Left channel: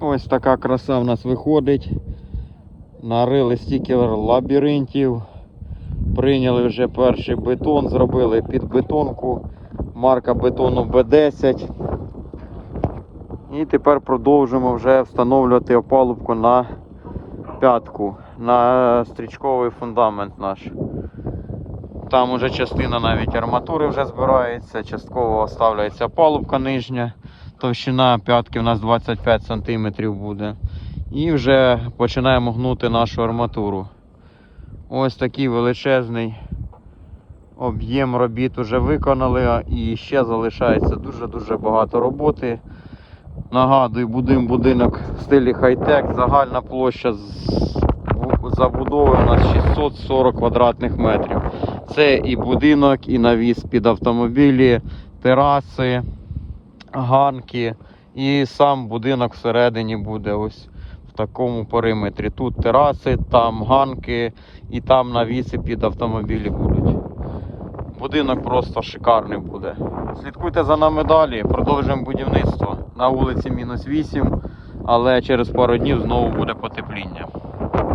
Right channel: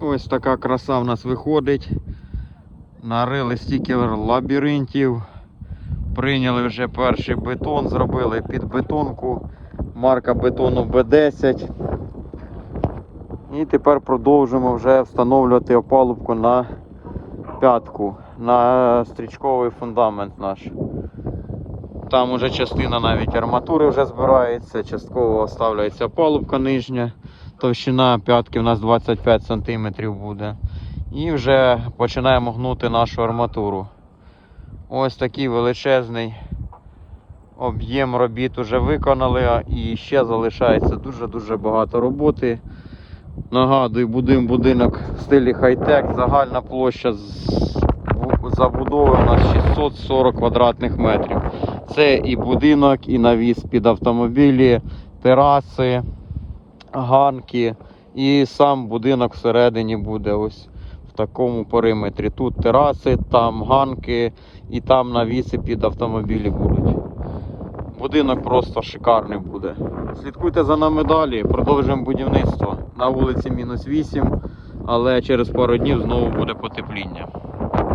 Ось така краса в нас виходить. Нарили стільки лабіринтів. Прийняли вже перший бетон, зробили під бетонку. Марка бетону Б10. І тепер продовжимо вже встановлювати опалубку на п'ятку, на стрічковий фундамент наш. Там уже частина навіть арматури вже збирається, частково оставляється опалубка нижня. Товщина п'ятки у нас 25 см буде. І вже починаємо гнути нашу арматуру. Ось такий величезний об'єм робіт вже виконали, і ще залишається дуже-дуже багато роботи. Нагадую, будуємо будинок в стилі хай-тек, загальна площа забудови у 640 квадратних метрів. Це і будинок, і навіс під автомобілі, тераси, ганки, і сам будинок всередині буде ось в такому периметрі. Тут тераси, там ганки і там навіси під автомобілі будуть. Будинок просто шикарний буде. Слідкуйте за нами далі, продовжуємо будівництво. На вулиці мінус 8, але через пару днів знову буде потепління.